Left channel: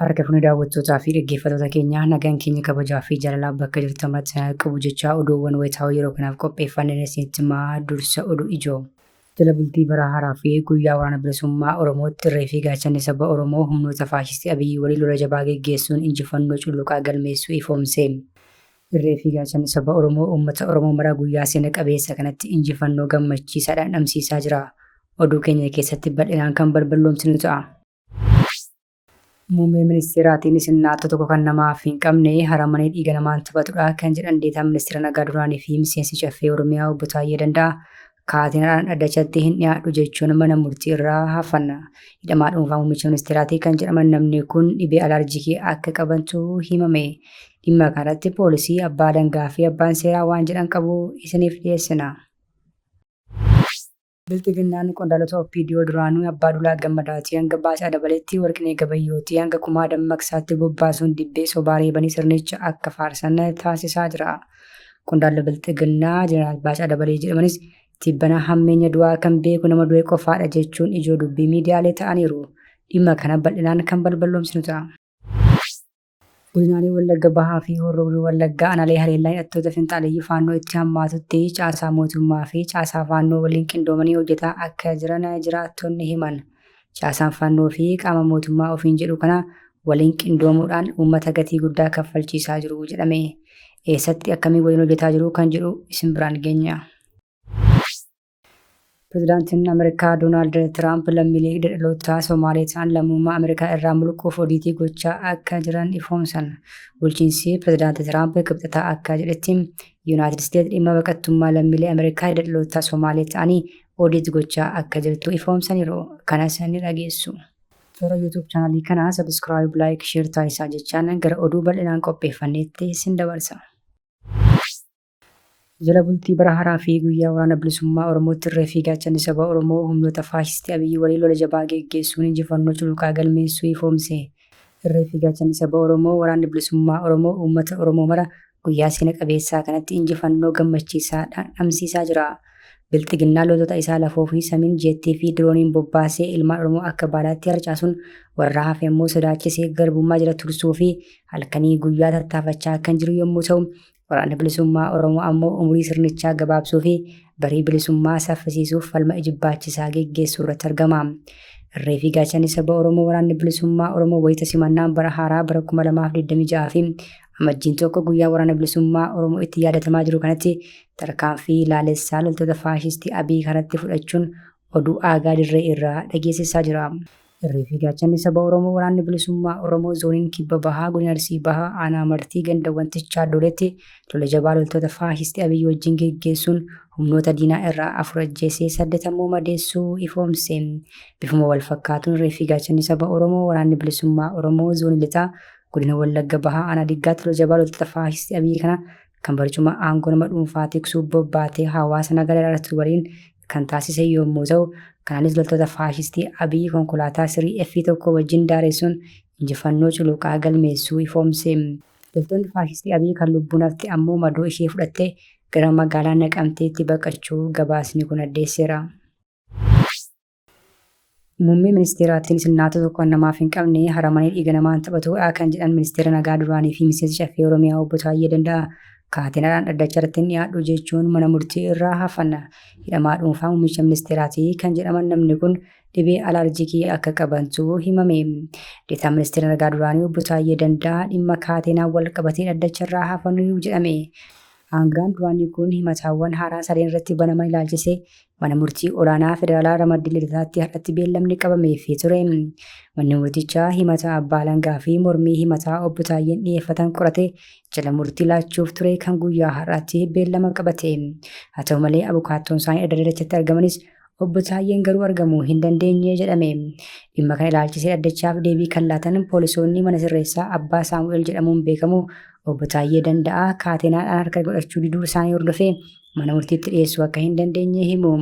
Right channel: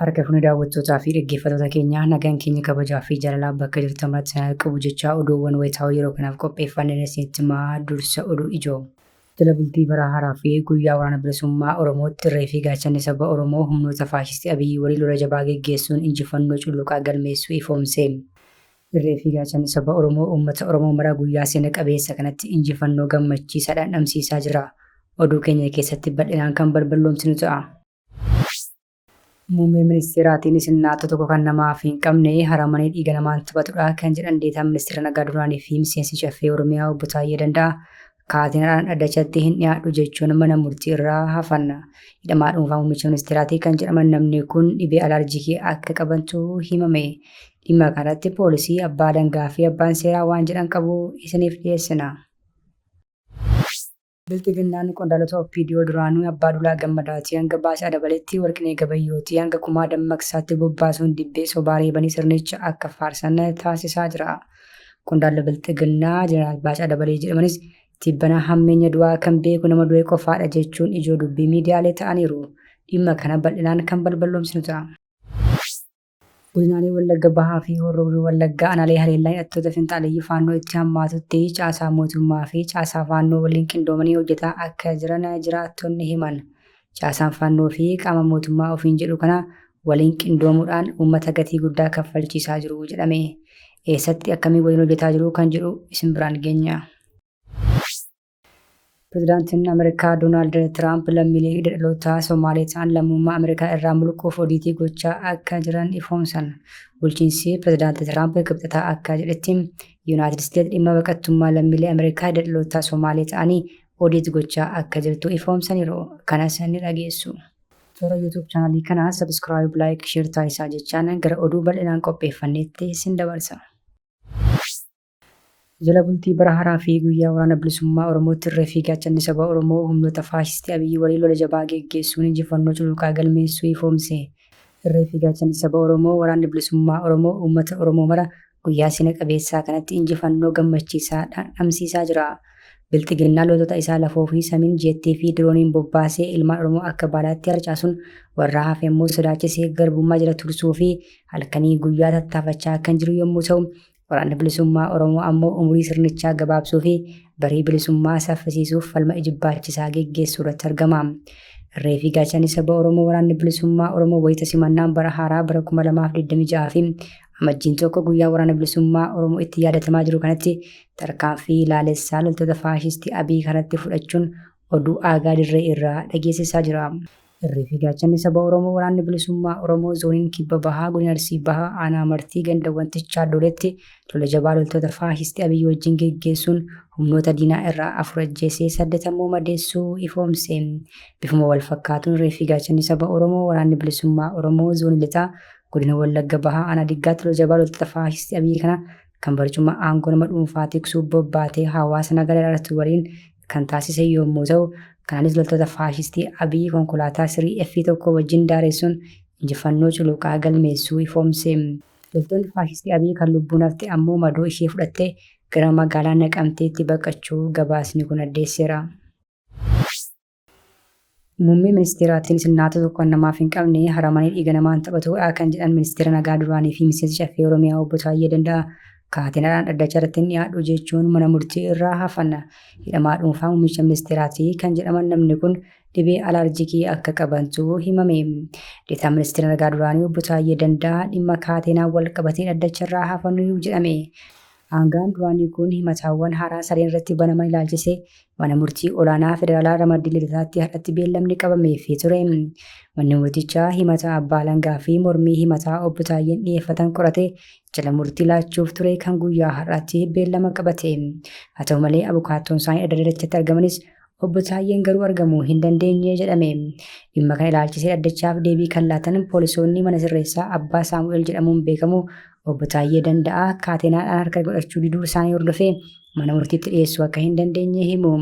Harka fuuni daawwattootaa fi dhaggeeffattoota keenyaa nagaan keenya kabajaa fi jaalalaa bakka jirtan maratti qabu jechaa oduuwwan wayitaawaa yeroo kanaaf qopheeffannee isinitti himaa dursa oduu ijoo. Jala bultii bara haaraa fi guyyaa waraana bilisummaa Oromootti irree fi gaachanni saba Oromoo humnoota faashistii Abiyyi waliin lola jabaa geggeessuun injifannoo cululuqaa galmeessuu ifoomse. Irree fi gaachanni saba Oromoo uummata Oromoo mara guyyaa seena qabeessa kanatti injifannoo gammachiisaadhaan dhamsiisaa jira. Oduu keenya keessatti bal'inaan kan balballoomsinu ta'a. Muummee ministeeraatiin sinnaatota tokko kan namaaf hin qabne haramanii dhiiga namaan taphatudha kan jedhan deetaa ministeera nagaa duraanii fi miseensi caffee Oromiyaa obbo Taayyee Danda'a kaatinaadhaan dhaddachatti hin dhiyaadhu jechuun mana murtii irraa hafanna. Hidhamaa dhuunfaa muummicha ministeeraatii kan jedhaman namni kun dhibee alarjikii akka qabantu himame. Dhimma kanatti poolisii, abbaa alangaa fi abbaan seeraa waan jedhan qabu isiniif dhiyeessina. Biltiginnaan qondaalota OPDO duraanuu abbaa Dulaa Gammadaatii hanga Baasaa Dabaleetti Warqinee Gabayyootii hanga Kumaa Dammaqsaatti bobbaasuun dibbee sobaa reebanii sirnicha akka faarsan taasisaa jira. Qondaalli Biltiginnaa Jeneraal Baasaa Dabalee jedhamanis tibbana hammeenya du'aa kan beeku nama du'e qofaadha jechuun ijoo dubbii miidiyaalee ta'aniiru. Dhimma kana bal'inaan kan balballoomsinu ta'a. Godinaalee Wallagga Bahaa fi Horroo Wallaggaa aanaalee haleellaa hidhattoota finxaaleeyyii faannoo itti hammaatutti caasaa mootummaa fi caasaa faannoo waliin qindoomanii hojjetaa akka jiran jiraattonni himan. Caasaan faannoo fi qaama mootummaa ofiin jedhu kana waliin qindoomuudhaan uummata gatii guddaa kaffalchiisaa jiru jedhame. Eessatti akkamiin waliin hojjetaa jiru kan jedhu isin biraan geenya. Pireezidaantiin Ameerikaa Doonaald Tiraamp lammiilee hidhattoota Somaalee ta'an lammummaa Ameerikaa irraa mulquuf odiitii gochaa akka jiran ifoomsan. Bulchiinsi pireezidaantii Tiraamp kibxataa akka jedhetti Yuunaayitid Isteetsi dhimma baqattummaa lammiilee Ameerikaa hidhattoota Somaalee ta'anii odiitii gochaa akka jirtu ifoomsaniiru. Kanas ni dhageessu. Toora YouTube chaanalii kanaa sabiskiraayib, laayik, sheer taasisaa jechaan gara oduu bal'inaan qopheeffanneetti isin dabarsa. Jala bultii bara haaraa fi guyyaa waraana bilisummaa Oromootti irree fi gaachanni saba Oromoo humnoota faashistii Abiyyi waliin lola jabaa geggeessuun injifannoo cululuqaa galmeessuu ifoomse. Irree fi gaachanni saba Oromoo waraanni bilisummaa Oromoo uummata Oromoo mara guyyaa seena qabeessaa kanatti injifannoo gammachiisaadhaan dhamsiisaa jira. Biltiginnaan loltoota isaa lafoo fi samiin jeettii fi dirooniin bobbaasee ilmaan Oromoo akka baalaatti harcaasuun warra hafe immoo sodaachisee garbummaa jala tursuu fi halkanii guyyaa tattaafachaa kan jiru yommuu ta'u, waraanni bilisummaa Oromoo ammoo umurii sirnichaa gabaabsuu fi barii bilisummaa saffisiisuuf falma ijibbaachisaa geggeessuu irratti argama. Irree fi gaachanni saba Oromoo waraanni bilisummaa Oromoo wayita simannaan bara haaraa bara 2026 fi amajjiin tokko guyyaa waraana bilisummaa Oromoo itti yaadatamaa jiru kanatti tarkaanfii ilaalessaa loltoota faashistii Abiyyi kanatti fudhachuun oduu aagaa dirree irraa dhageessisaa jira. Irree fi gaachanni saba Oromoo waraanni bilisummaa Oromoo zooniin kibba bahaa godina Arsii bahaa aanaa martii ganda wantichaa doletti lola jabaa loltoota faashistii Abiyyi wajjin geggeessuun humnoota diinaa irraa 4 ajjeesee 8 madeessuu ifoomse. Bifuma wal fakkaatuun irree fi gaachanni saba Oromoo waraanni bilisummaa Oromoo zoonii lixaa godina Wallagga Bahaa aanaa diggaatti lola jabaa loltoota faashistii Abiyyi kana kan barcuma aangoo nama dhuunfaa tiksuu bobbaatee hawaasa nagaa irratti waliin kan taasise yommuu ta'u, kanaanis loltoota faashistii Abiyyi konkolaataa sirrii F1 wajjin daaressuun injifannoo cululuqaa galmeessuu ifoomse. Loltoonni faashistii Abiyyi kan lubbuun hafte ammoo madoo ishee fudhattee gara magaalaa Naqamteetti baqachuu gabaasni kun addeesseera. Muummee ministeeraatiin sinnaatota tokko namaaf hin qabne haramanii dhiiga namaan taphatudha kan jedhan ministeera nagaa duraanii fi miseensi caffee Oromiyaa obbo Taayyee Danda'a. Kaatinaadhaan dhaddachatti hin dhiyaadhu jechuun mana murtii irraa hafanna. Hidhamaa dhuunfaa muummicha ministeeraatii kan jedhaman namni kun dhibee alarjikii akka qabantu himame. Deetaa ministeera nagaa duraanii obbo Taayyee Danda'a dhimma kaatinaan wal qabatee dhaddacha irraa hafannu jedhame. Aangaan duraanii kun himataawwan haaraa sadeen irratti banaman ilaalchisee mana murtii olaanaa federaalaa ramaddii lidataatti har'atti beellamni qabameefii ture. Manni murtichaa himataa abbaa alangaa fi mormii himataa obbo Taayyeen dhiyeeffatan qorate jala murtii laachuuf ture kan guyyaa har'aatti beellama qabate. Haa ta'u malee abukaattoon isaanii adda addaatti argamanis obbo Taayyeen garuu argamuu hin dandeenye jedhame. Dhimma kana ilaalchisee dhaddachaaf deebii kan laatan poolisoonni mana sirreessaa abbaa Saamu'eel jedhamuun beekamu obbo Taayyee Danda'a kaatinaadhaan harka godhachuu diduu isaanii hordofee mana murtiitti dhiyeessuu akka hin dandeenye himu.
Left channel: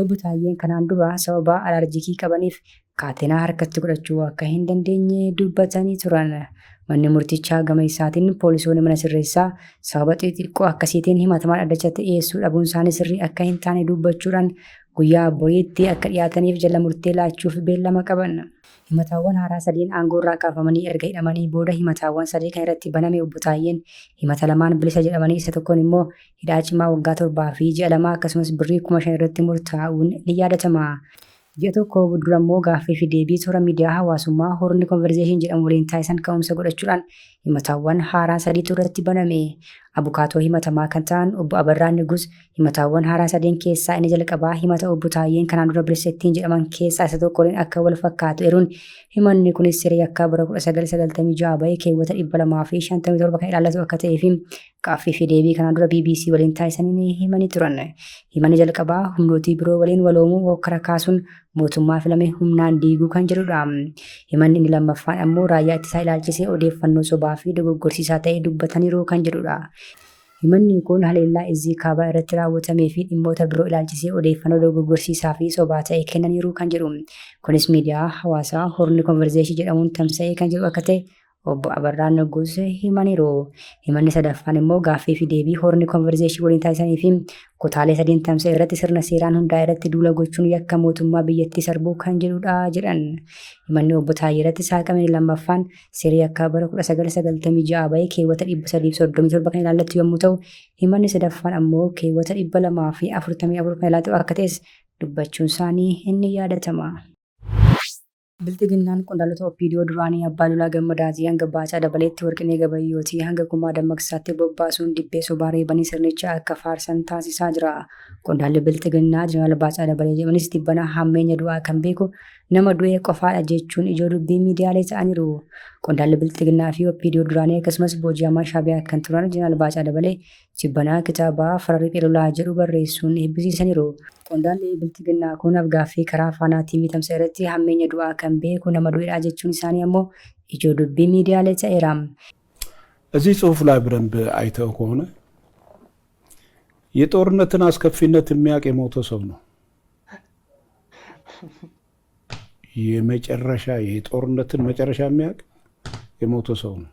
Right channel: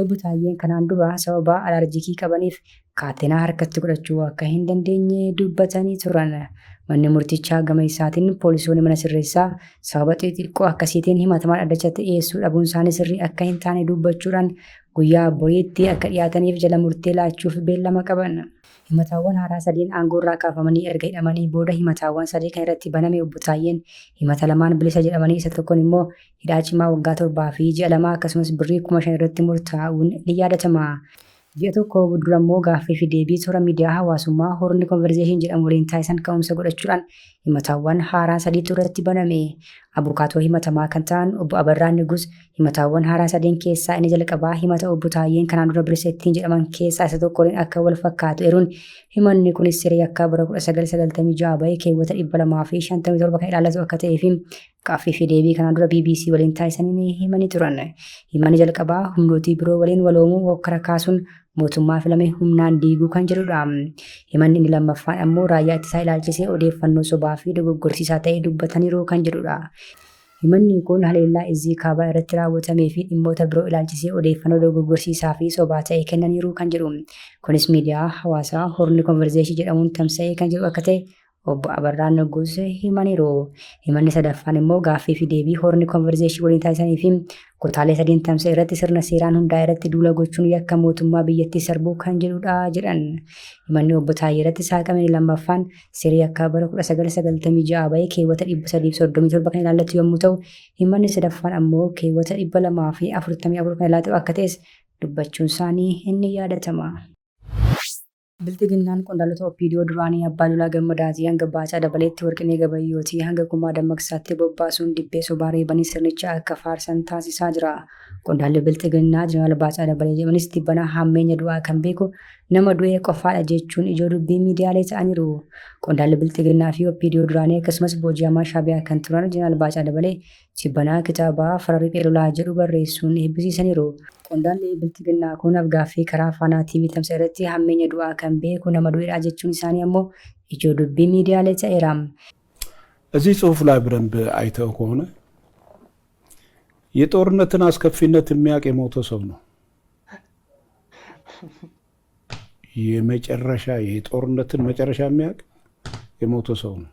Obbo Taayyeen kanaan dura sababa alarjikii qabaniif kaatinaa harkatti godhachuu akka hin dandeenye dubbatanii turan. Manni murtichaa gama isaatiin poolisoonni mana sirreessaa sababa xixiqqoo akkasiitiin himatamaa dhaddachatti dhiyeessuu dhabuun isaanii sirrii akka hin taane dubbachuudhaan guyyaa boriitti akka dhiyaataniif jala murtii laachuuf beellama qaban. Himataawwan haaraa sadeen aangoo irraa kaafamanii erga hidhamanii booda himataawwan sadii kan irratti baname obbo Taayyeen himata lamaan bilisa jedhamanii isa tokkoon immoo hidhaa cimaa waggaa 7 fi ji'a 2 akkasumas birrii 5,000 irratti murtaa'uun ni yaadatama. Ji'a tokko dura immoo gaaffii fi deebii toora miidiyaa hawaasummaa Horni Konverzeeshin jedhamu waliin taasisan ka'umsa godhachuudhaan himataawwan haaraa sadiitu irratti baname. Abukaatoo himatamaa kan ta'an obbo Abarraa Nigus himataawwan haaraa sadeen keessaa inni jalqabaa himata obbo Taayyeen kanaan dura Birsettiin jedhaman keessaa isa tokkoon akka wal fakkaatu eeruun himanni kunis siree akka bara 1996 bahee keewwata 257 kan ilaallatu akka ta'ee fi gaaffii fi deebii kanaan dura BBC waliin taasisanii himanii turan. Himanni jalqabaa humnootii biroo waliin waloomuu hokkara kaasuun mootummaa filame humnaan diiguu kan jedhudha. Himanni inni lammaffaan ammoo raayyaa ittisaa ilaalchisee odeeffannoo sobaa fi dogoggorsiisaa ta'ee dubbataniiru kan jedhudha. Himanni kun haleellaa Izii Kaabaa irratti raawwatamee fi dhimmoota biroo ilaalchisee odeeffannoo dogoggorsiisaa fi sobaa ta'e kennaniiru kan jedhu. Kunis miidiyaa hawaasaa Horni Konverzeeshin jedhamuun tamsa'ee kan jiru akka ta'e obbo Abarraa Nigus himaniiru. Himanni sadaffaan immoo gaaffii fi deebii Horni Konverzeeshin waliin taasisanii fi kutaalee sadiin tamsa'e irratti sirna seeraan hundaa'e irratti duula gochuun yakka mootummaa biyyattii sarbuu kan jedhudha jedhan. Himanni obbo Taayyee irratti saaqamni lammaffaan siree akka bara 1996 bahee keewwata 337 kan ilaallatu yommuu ta'u, himanni sadaffaan ammoo keewwata 244 kan ilaallatu akka ta'es dubbachuun isaanii inni yaadatama. Biltiginnaan qondaaltota OPDO duraanii Abbaa Lolaa Gammadaatii hanga Baacaa Dabaleetti Warqinee Gabayyootii hanga Kumaa Dammaqsaatti bobbaasuun dibbee sobaa reebanii sirnicha akka faarsan taasisaa jira. Qondaalli Biltiginnaa Jeneraal Baacaa Dabalee jedhanis dhibbana hammeenya du'aa kan beeku nama du'e qofaadha jechuun ijoo dubbii miidiyaalee ta'aniiru. Qondaalli Biltiginnaa fi OPDO duraanii akkasumas booji'amaa Shaabiyaa kan turan Jeneraal Baacaa Dabalee jibbanaa kitaabaa Farriqee Lolaa jedhu barreessuun eebbisiisaniiru. Qondaalli Biltiginnaa kun afgaaffii karaa Faanaa TV tamsa irratti hammeenya du'aa kan beeku nama du'edha jechuun isaanii ammoo ijoo dubbii miidiyaalee ta'eera. እዚህ ጽሁፍ ላይ በደንብ አይተው ከሆነ የጦርነትን አስከፊነት የሚያውቅ የሞተ ሰው ነው። የጦርነትን መጨረሻ የሚያውቅ የሞተ ሰው ነው።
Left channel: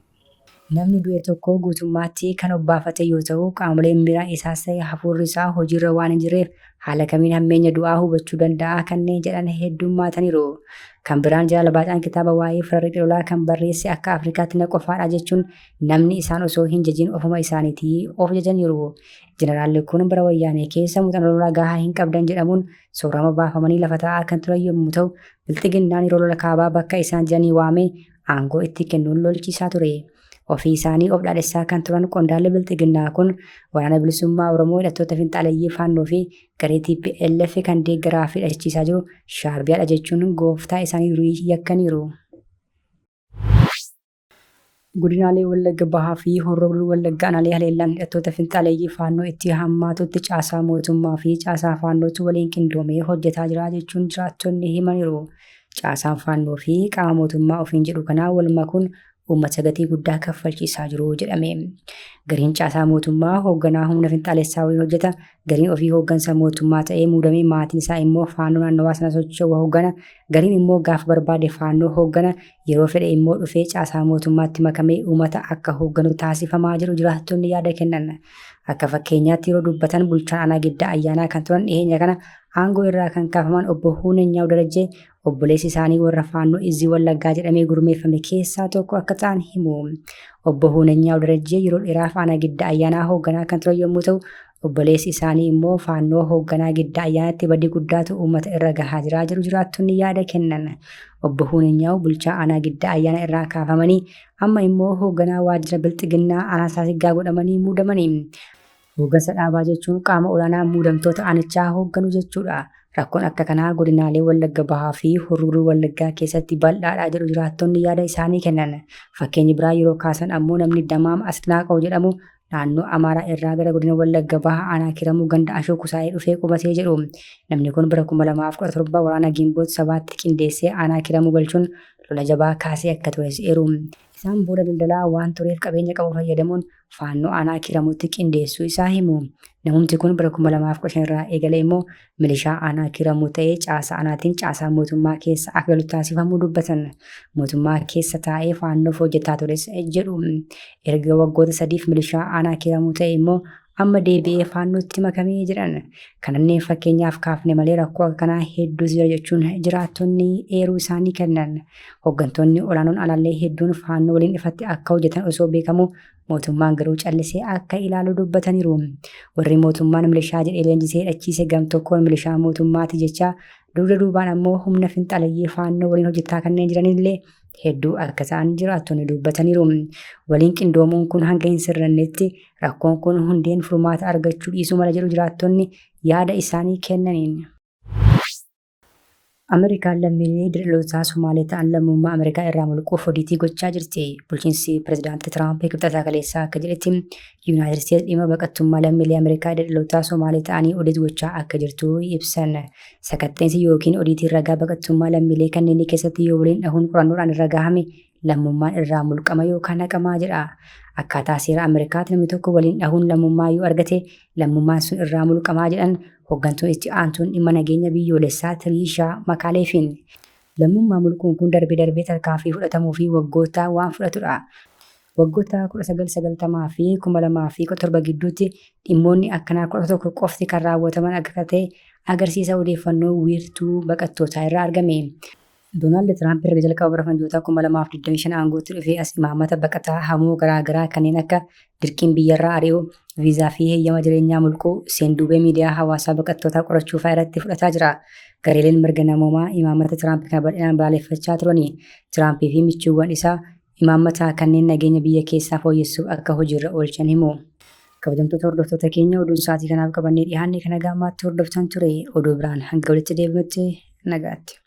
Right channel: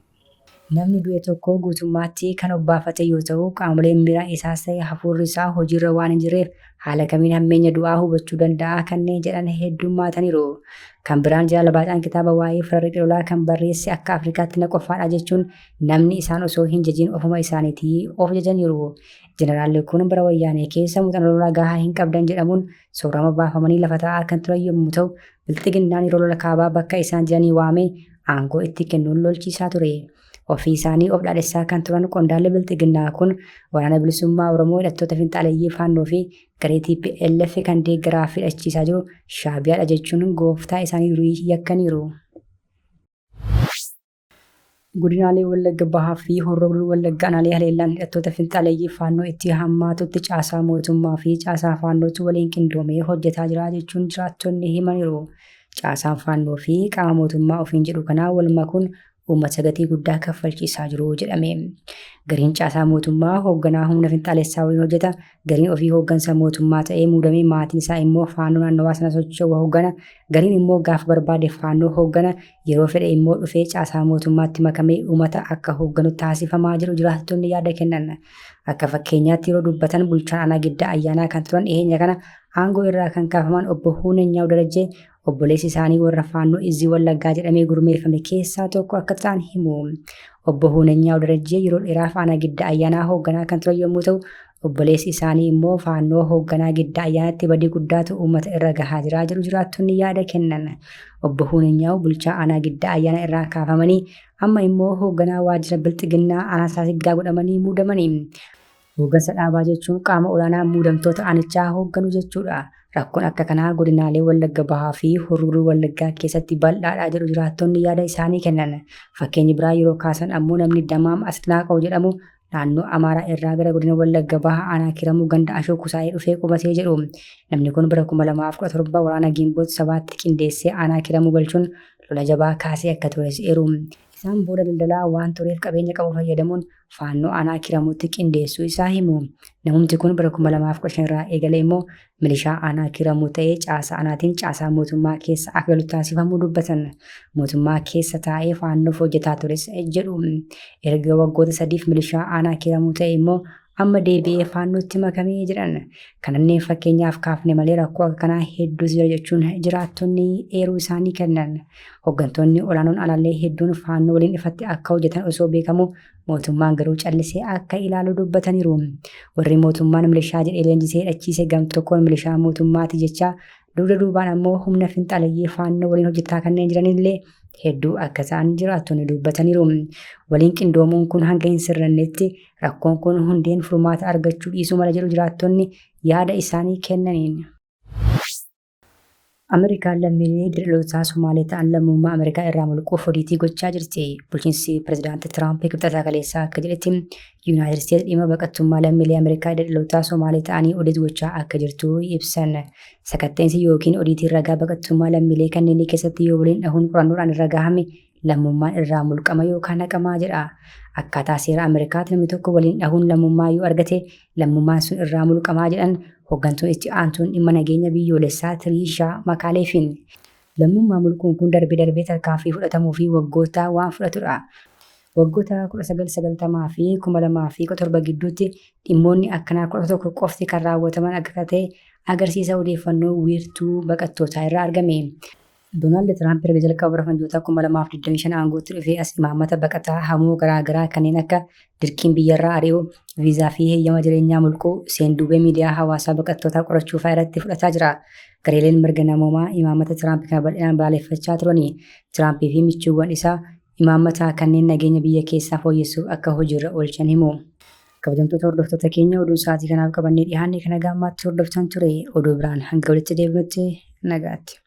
Namni du'e tokko guutummaatti kan obbaafate yoo ta'u, qaamoleen biraa isaas ta'e hafuurri isaa hojiirra waan hin jirreef haala kamiin hammeenya du'aa hubachuu danda'a kanneen jedhan heddummaataniiru. Kan biraan Jeneraal Baacaan kitaaba waa'ee Farriqee Lolaa kan barreesse akka Afrikaatti na qofaadha jechuun namni isaan osoo hin jajin ofuma isaaniitii of jajaniiru. Jeneraalli kun bara wayyaanee keessa muuxannoo lolaa gahaa hin qabdan jedhamuun soorama baafamanii lafa taa'aa kan turan yommuu ta'u, Biltiginnaan yeroo lola kaabaa bakka isaan jiranii waamee aangoo itti kennuun lolchiisaa ture. Ofii isaanii of dhaadhessaa kan turan qondaalli Biltiginnaa kun waraana bilisummaa Oromoo hidhattoota finxaaleeyyii Faannoo fi garee TPLF kan deeggaraa fi hidhachiisaa jiru Shaabiyaadha jechuun gooftaa isaanii durii yakkaniiru. Godinaalee Wallagga Bahaa fi Horroo Wallaggaa aanaalee haleellaan hidhattoota finxaaleeyyii Faannoo itti hammaatutti caasaa mootummaa fi caasaa Faannootu waliin qindoomee hojjetaa jira jechuun jiraattonni himaniiru. Caasaan Faannoo fi qaama mootummaa ofiin jedhu kanaa wal makuun uummata gatii guddaa kaffalchiisaa jiru jedhame. Gariin caasaa mootummaa hoogganaa humna finxaalessaa waliin hojjeta. Gariin ofii hooggansa mootummaa ta'ee muudamee maatiin isaa immoo Faannoo naannawaa sana socho'u hooggana. Gariin immoo gaafa barbaade Faannoo hooggana. Yeroo fedhe immoo dhufee caasaa mootummaatti makamee uummata akka hoogganu taasifamaa jiru jiraattonni yaada kennan. Akka fakkeenyaatti yeroo dubbatan bulchaan aanaa Giddaa Ayyaanaa kan turan dhiyeenya kana aangoo irraa kan kaafaman obbo Huunenyaa Darajjee obboleessi isaanii warra Faannoo Izii Wallaggaa jedhamee gurmeeffame keessaa tokko akka ta'an himu. Obbo Huunenyaa Darajjee yeroo dheeraaf aanaa Giddaa Ayyaanaa hoogganaa kan turan yommuu ta'u, obboleessi isaanii immoo Faannoo hoogganaa Giddaa Ayyaanaatti badii guddaatu uummata irra gahaa jira jedhu jiraattonni yaada kennan. Obbo Huunenyaa bulchaa aanaa Giddaa Ayyaanaa irraa kaafamanii amma immoo hoogganaa waajjira Biltiginnaa aanaa Saasiggaa godhamanii muudamanii. Hooggansa dhaabaa jechuun qaama olaanaa muudamtoota aanichaa hoogganu jechuudha. Rakkoon akka kanaa godinaalee Wallagga Bahaa fi Horroo Wallaggaa keessatti bal'aadha jedhu jiraattonni yaada isaanii kennan. Fakkeenyi biraa yeroo kaasan ammoo namni Damaam Asnaaqoo jedhamu naannoo Amaaraa irraa gara godina Wallagga Bahaa aanaa Kiramuu ganda Ashoo Kusaayee dhufee qubatee jedhu. Namni kun bara 2017 waraana Gimboot sabaatti qindeessee aanaa Kiramuu galchuun lola jabaa kaasee akka ture jedheeru. Isaan booda daldalaa waan tureef qabeenya qabu fayyadamuun Faannoo aanaa Kiramuutti qindeessuu isaa himu. Namumti kun bara 2015 irraa eegalee immoo milishaa aanaa Kiramuu ta'ee caasaa aanaatiin caasaa mootummaa keessa akka galu taasifamuu dubbatan. Mootummaa keessa taa'ee Faannoof hojjetaa tures jedhu. Erga waggoota 3 milishaa aanaa Kiramuu ta'e immoo amma deebi'ee faannootti makamee jedhan. Kananneen fakkeenyaaf kaafne malee rakkoo akkanaa hedduu jira jechuun jiraattonni eeruu isaanii kennan. Hooggantoonni olaanoon alallee hedduun faannoo waliin ifatti akka hojjetan osoo beekamu mootummaan garuu callisee akka ilaalu dubbataniiru. Warri mootummaan milishaa jedhee leenjisee hidhachiise gamtokkoon milishaa mootummaati jecha dugda duubaan ammoo humna finxaalayyee faannoo waliin hojjetaa kanneen jiranillee hedduu akka ta'an jiraattonni dubbataniiru. Waliin qindoomuun kun hanga hin sirrannetti rakkoon kun hundeen furmaata argachuu dhiisuu mala jedhu jiraattonni yaada isaanii kennaniin. Ameerikaan lammiilee daldaltootaa Somaalee ta'an lammummaa Ameerikaa irraa mulquuf hojii gochaa jirti. Bulchiinsi pirezidaantii Tiraamp kibxata kaleessaa akka jedhetti Yuunaayitid Isteetsi dhimma baqattummaa lammiilee Ameerikaa daldaltootaa Somaalee ta'anii hojii gochaa akka jirtu ibsan. Sakatteensi yookiin hojii ragaa baqattummaa lammiilee kanneen keessatti yoo waliin dhahuun qorannoodhaan irra gahame lammummaan irraa mulqama yookaan haqamaa jedha. Akkaataa seera Ameerikaatti namni tokko waliin dhahuun lammummaa yoo argate lammummaan sun irraa mulqamaa jedhan hooggantuun itti aantuun dhimma nageenya biyyoolessaa Tiriishaa Makaaleefiin. Lammummaa mulquun kun darbee tarkaanfii fudhatamuu fi waggoota waan fudhatudha. Waggoota 1990 fi 2017 gidduutti dhimmoonni akkanaa 11 qofti kan raawwataman akka ta'e agarsiisa odeeffannoo wiirtuu baqattootaa irraa argame. Doonaald Tiraamp erga jalqaba bara fanjoota 2025 aangootti dhufee as imaammata baqataa hamuu garaagaraa kanneen akka dirqiin biyyarraa ari'uu, viizaa fi heeyyama jireenyaa mulquu seenduubee miidiyaa hawaasaa baqattootaa qorachuu fa'aa irratti fudhataa jira. Gareeleen mirga namoomaa imaammata Tiraamp kana bal'inaan balaaleffachaa turani. Tiraampii fi michoowwan isaa imaammata kanneen nageenya biyya keessaa fooyyessuuf akka hojiirra oolchan himu. Kabajamtoota hordoftoota keenya oduun sa'aatii kanaaf qabannee dhiyaanne kana gammaatti hordoftan ture. Oduu biraan hanga walitti deebinutti nagaatti.